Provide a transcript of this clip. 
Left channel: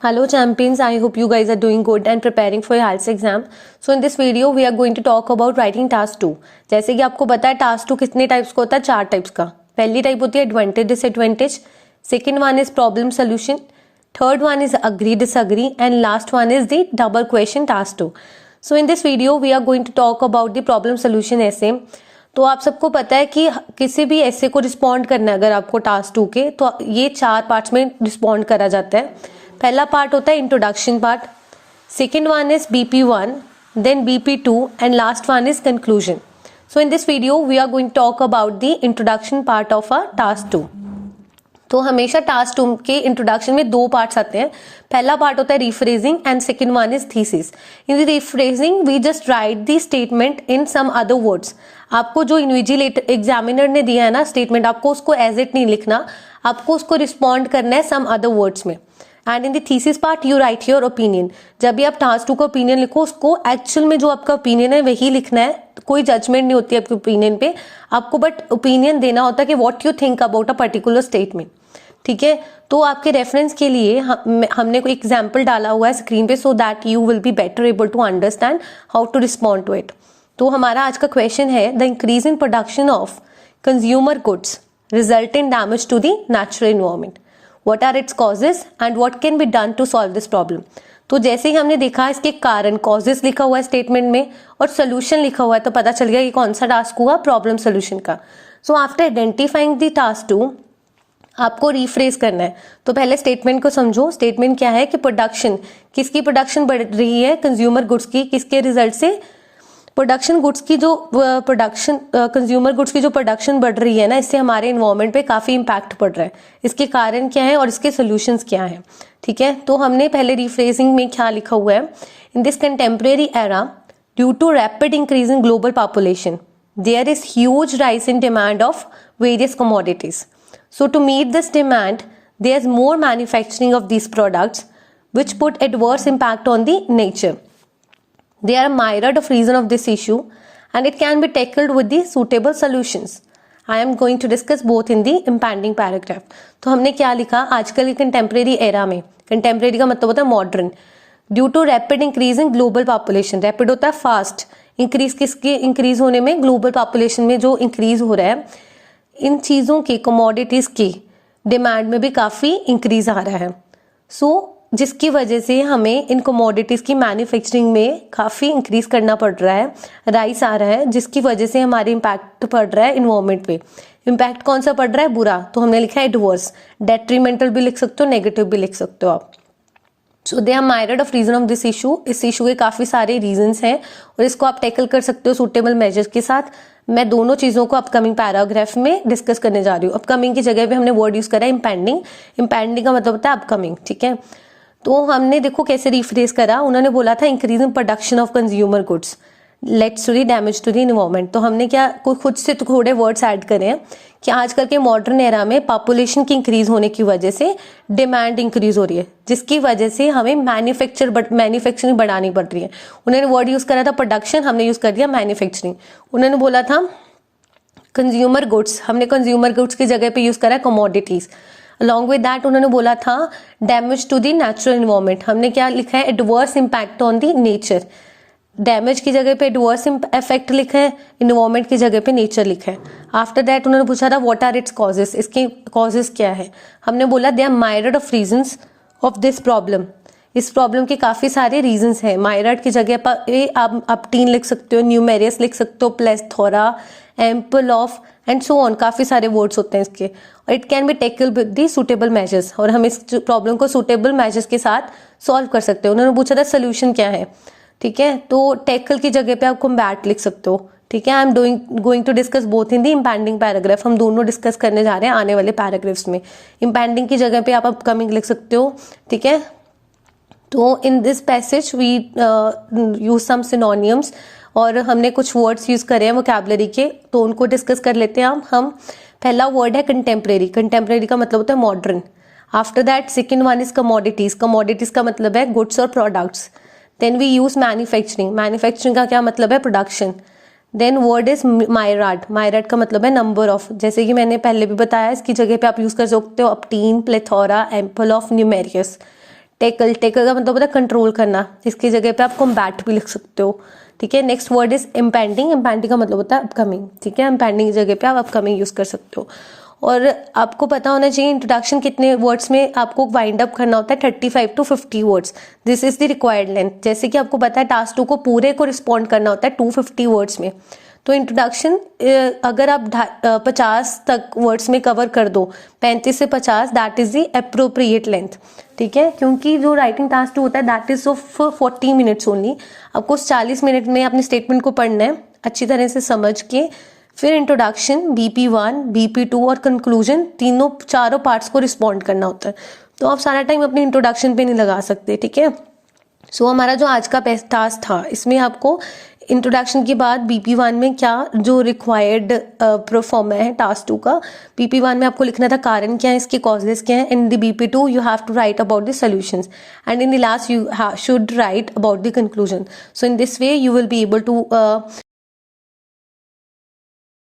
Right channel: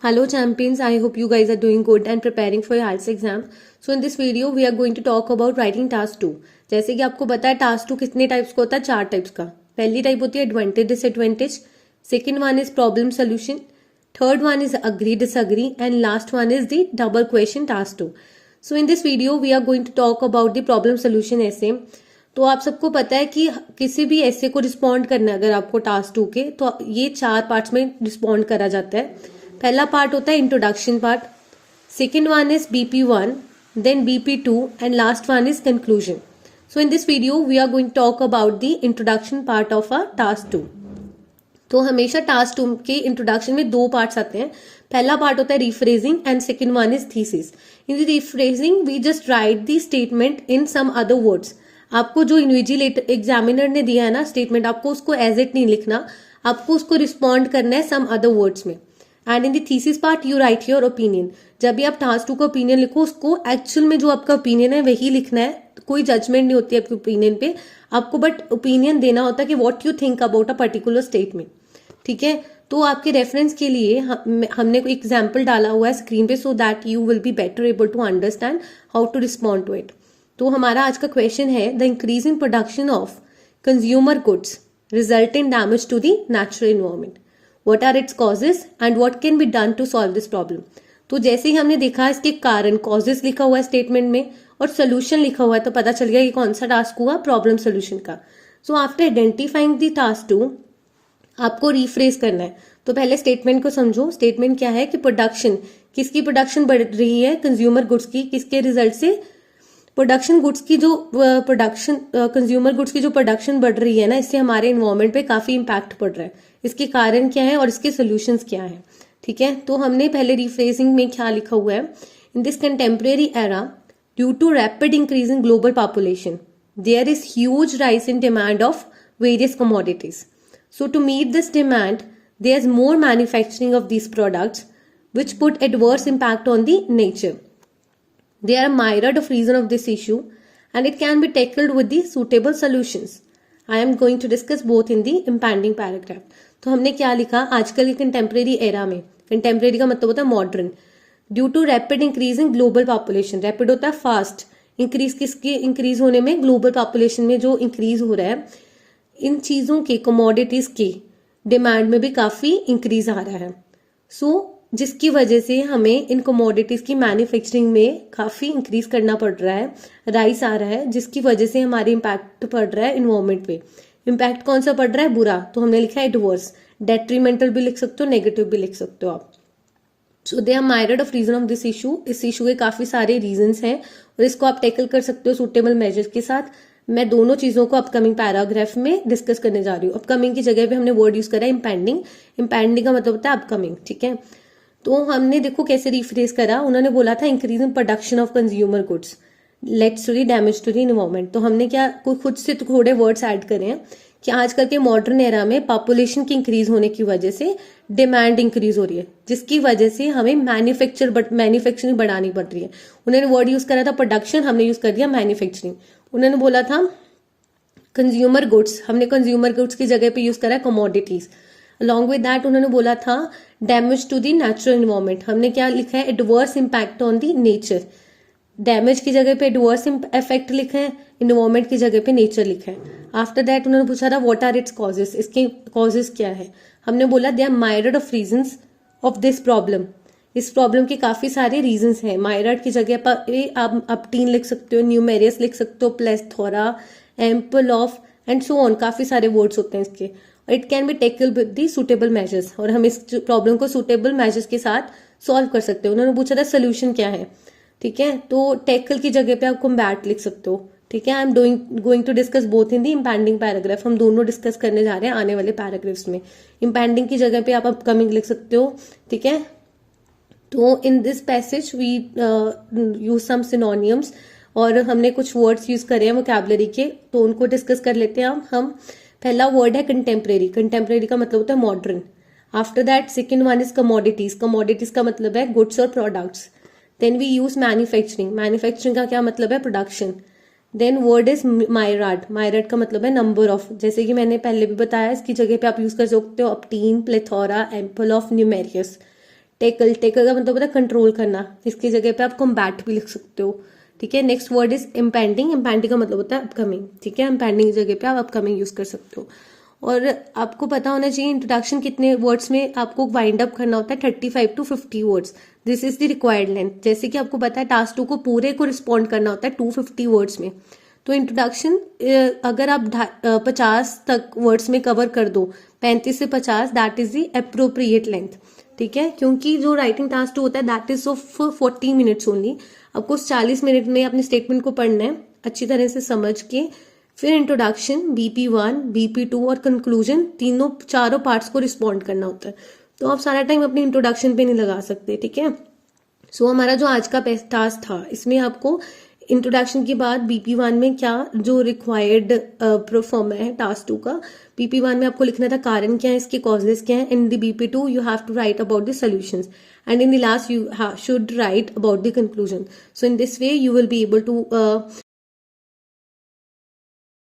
Hello champions, I hope you guys are doing good and preparing for your IELTS exam. So in this video we are going to talk about writing task 2. जैसे कि आपको पता है task 2 कितने types का होता है, 4 types का. पहली टाइप होती है advantage disadvantage, second one is problem solution, third one is agree disagree and last one is the double question task 2. So in this video we are going to talk about the problem solution ऐसे. तो आप सबको पता है कि किसी भी ऐसे को रिस्पॉन्ड करना है अगर आपको टास्क 2 के, तो ये 4 पार्ट्स में रिस्पॉन्ड करा जाता है. पहला पार्ट होता है introduction part, second one is BP1, then BP2 and last one is conclusion. So in this video we are going to talk about the introduction part of a task 2. तो हमेशा task 2 के introduction में 2 parts आते हैं. पहला part होता है rephrasing and second one is thesis. In the rephrasing we just write the statement in some other words. आपको जो इन्विजिलेटर एग्जामिनर ने दिया है ना स्टेटमेंट, आपको उसको एज इट नहीं लिखना, आपको उसको रिस्पॉन्ड करना है सम अदर वर्ड्स में. And in the thesis part you right your opinion. जब भी आप टास्क 2 का ओपिनियन लिखो, उसको एक्चुअल में जो आपका ओपिनियन है वही लिखना है. कोई जजमेंट नहीं होती आपके ओपिनियन पे, आपको बट ओपिनियन देना होता है कि what you think about a particular statement. ठीक है, तो आपके रेफरेंस के लिए हमने कोई एग्जाम्पल डाला हुआ है स्क्रीन पे, so that you will be better able to understand how to respond to it. तो हमारा आज का क्वेश्चन है the increase in production of consumer goods result in damage to the natural environment. What are its causes and what can be done to solve this problem? तो जैसे ही हमने देखा इसके कारण, कॉजेस लिखा हुआ है स्टेटमेंट में और सोल्यूशन लिखा हुआ है, तो पता चल गया कि कौन सा टास्क हुआ, प्रॉब्लम सोल्यूशन का. So after identifying the task 2 आपको रिफ्रेज करना है. तो पहले स्टेटमेंट को समझो. स्टेटमेंट क्या है कि प्रोडक्शन, किसकी प्रोडक्शन बढ़ रही है, कंज्यूमर गुड्स की. किसके रिजल्ट से? प्रोडक्शन गुड्स की जो प्रोडक्शन कंज्यूमर गुड्स की जो प्रोडक्शन बढ़ रही है ना, इससे हमारे इन्वायरमेंट पे काफी इम्पैक्ट पड़ रहा है. इसके कारण क्या है और इसके सोल्यूशंस क्या है. ठीक है, तो हमने पहले रिफ्रेजिंग में क्या लिखा हुआ है, in this contemporary era due to rapid increase in global population there is huge rise in demand of various commodities. So to meet this demand there is more manufacturing of these products which put adverse impact on the nature. They are a myriad of reasons of this issue and it can be tackled with the suitable solutions. I am going to discuss both in the impending paragraph. तो हमने क्या लिखा, आजकल के contemporary era में, contemporary का मतलब होता है modern, due to rapid increase in global population. Rapid होता है फास्ट, इंक्रीज किसके इंक्रीज होने में, ग्लोबल पॉपुलेशन में जो इंक्रीज हो रहा है, इन चीजों के कमोडिटीज की डिमांड में भी काफी इंक्रीज आ रहा है. सो जिसकी वजह से हमें इन कमोडिटीज की मैन्युफैक्चरिंग में काफी इंक्रीज करना पड़ रहा है, राइस आ रहा है, जिसकी वजह से हमारे इम्पैक्ट पड़ रहा है इन्वायरमेंट पे. इम्पैक्ट कौन सा पड़ रहा है, बुरा. तो हमने लिखा है एडवर्स. डेट्रीमेंटल भी लिख सकते हो, नेगेटिव भी लिख सकते हो आप. So they are myriad of reason of this issue. इस इशू के काफी सारे रीजंस हैं और इसको आप टैकल कर सकते हो सुटेबल मेजर्स के साथ. मैं दोनों चीजों को अपकमिंग पैराग्राफ में डिस्कस करने जा रही हूँ. अपकमिंग की जगह पे हमने वर्ड यूज करा है इम्पेंडिंग. इम्पेंडिंग का मतलब होता है अपकमिंग. ठीक है, तो हमने देखो कैसे रिफ्रेज करा. उन्होंने बोला था increase in production of consumer goods lets to the damage to the environment. तो हमने क्या खुद से थोड़े वर्ड्स ऐड करे हैं कि आजकल के मॉडर्न एरा में पॉपुलेशन की इंक्रीज होने की वजह से डिमांड इंक्रीज हो रही है, जिसकी वजह से हमें मैन्युफैक्चरिंग बढ़ानी पड़ रही है. उन्होंने वर्ड यूज करा था प्रोडक्शन, हमने यूज कर दिया मैन्युफैक्चरिंग. उन्होंने बोला था कंज्यूमर गुड्स, हमने कंज्यूमर गुड्स की जगह पे यूज करा कमोडिटीज. अलॉन्ग विद दैट उन्होंने बोला था damage to the natural environment, हमने क्या लिखा है, adverse impact on the nature. Damage की जगह पे एडवर्स इफेक्ट लिखा है, एनवायरमेंट की जगह पे नेचर लिखा है. आफ्टर दैट उन्होंने पूछा था व्हाट आर इट्स कॉजेस, इसके कॉजेस क्या है. हमने बोला they are myriad of reasons of this problem. इस प्रॉब्लम के काफी सारे रीजंस हैं. माइरिड की जगह पर आप टीन लिख सकते हो, न्यूमेरियस लिख सकते हो, plethora, ample of and so on. काफी सारे वर्ड्स होते हैं इसके. It can be tackle with the suitable measures, और हम इस प्रॉब्लम को सुटेबल मेजर्स के साथ सॉल्व कर सकते हो. उन्होंने पूछा था सोल्यूशन क्या है. ठीक है, तो टेकल की जगह पे आप कॉम्बैट लिख सकते हो. ठीक है, I am going to discuss both in the impending paragraph. हम दोनों डिस्कस करने जा रहे हैं आने वाले पैराग्राफ्स में. इम्पेंडिंग की जगह पे आप अपकमिंग लिख सकते हो. ठीक है, तो in this passage we use some synonyms, और हमने कुछ वर्ड्स यूज करे हैं वोकैबुलरी के, तो उनको डिस्कस कर लेते हैं हम. पहला वर्ड है कंटेम्प्रेरी. कंटेम्प्रेरी का मतलब होता है modern. After that second one is commodities. Commodities का मतलब है गुड्स और products. Then we use manufacturing. Manufacturing का क्या मतलब है, production. Then word is myriad. Myriad का मतलब है नंबर ऑफ. जैसे कि मैंने पहले भी बताया, इसकी जगह पे आप यूज कर सकते हो umpteen, plethora, ample of, numerous. Tackle, tackle का मतलब होता है कंट्रोल करना, इसकी जगह पे आप कॉम्बैट भी लिख सकते हो, ठीक है। Next word is impending, impending का मतलब होता है अपकमिंग, ठीक है। इम्पेंडिंग की जगह पे आप अपकमिंग यूज कर सकते हो। और आपको पता होना चाहिए इंट्रोडक्शन कितने वर्ड्स में आपको वाइंड अप करना होता है, 35 to 50 words, this is the required length. जैसे कि आपको पता है टास्क 2 को पूरे को रिस्पॉन्ड करना होता है 250 वर्ड्स में, तो इंट्रोडक्शन अगर आप 50 तक वर्ड्स में कवर कर दो, 35 से 50, that is the appropriate length, ठीक है। क्योंकि जो राइटिंग टास्क 2 होता है that is of 40 minutes only, आपको 40 मिनट में अपने स्टेटमेंट को पढ़ना है अच्छी तरह से समझ के, फिर इंट्रोडक्शन, BP1, BP2 और कंक्लूजन, चारों पार्ट्स को रिस्पॉन्ड करना होता है। तो आप सारा टाइम अपने इंट्रोडक्शन पे नहीं लगा सकते, ठीक है। सो हमारा जो आज का टास्क था, इसमें आपको इंट्रोडक्शन के बाद BP1 में क्या जो रिक्वायर्ड परफॉर्म है टास्क 2 का, BP1 में आपको लिखना था कारण क्या है, इसके कॉजेस क्या है। In the BP2 you have to write about the solutions and in the last you should write about the conclusion. So in this way you will be able to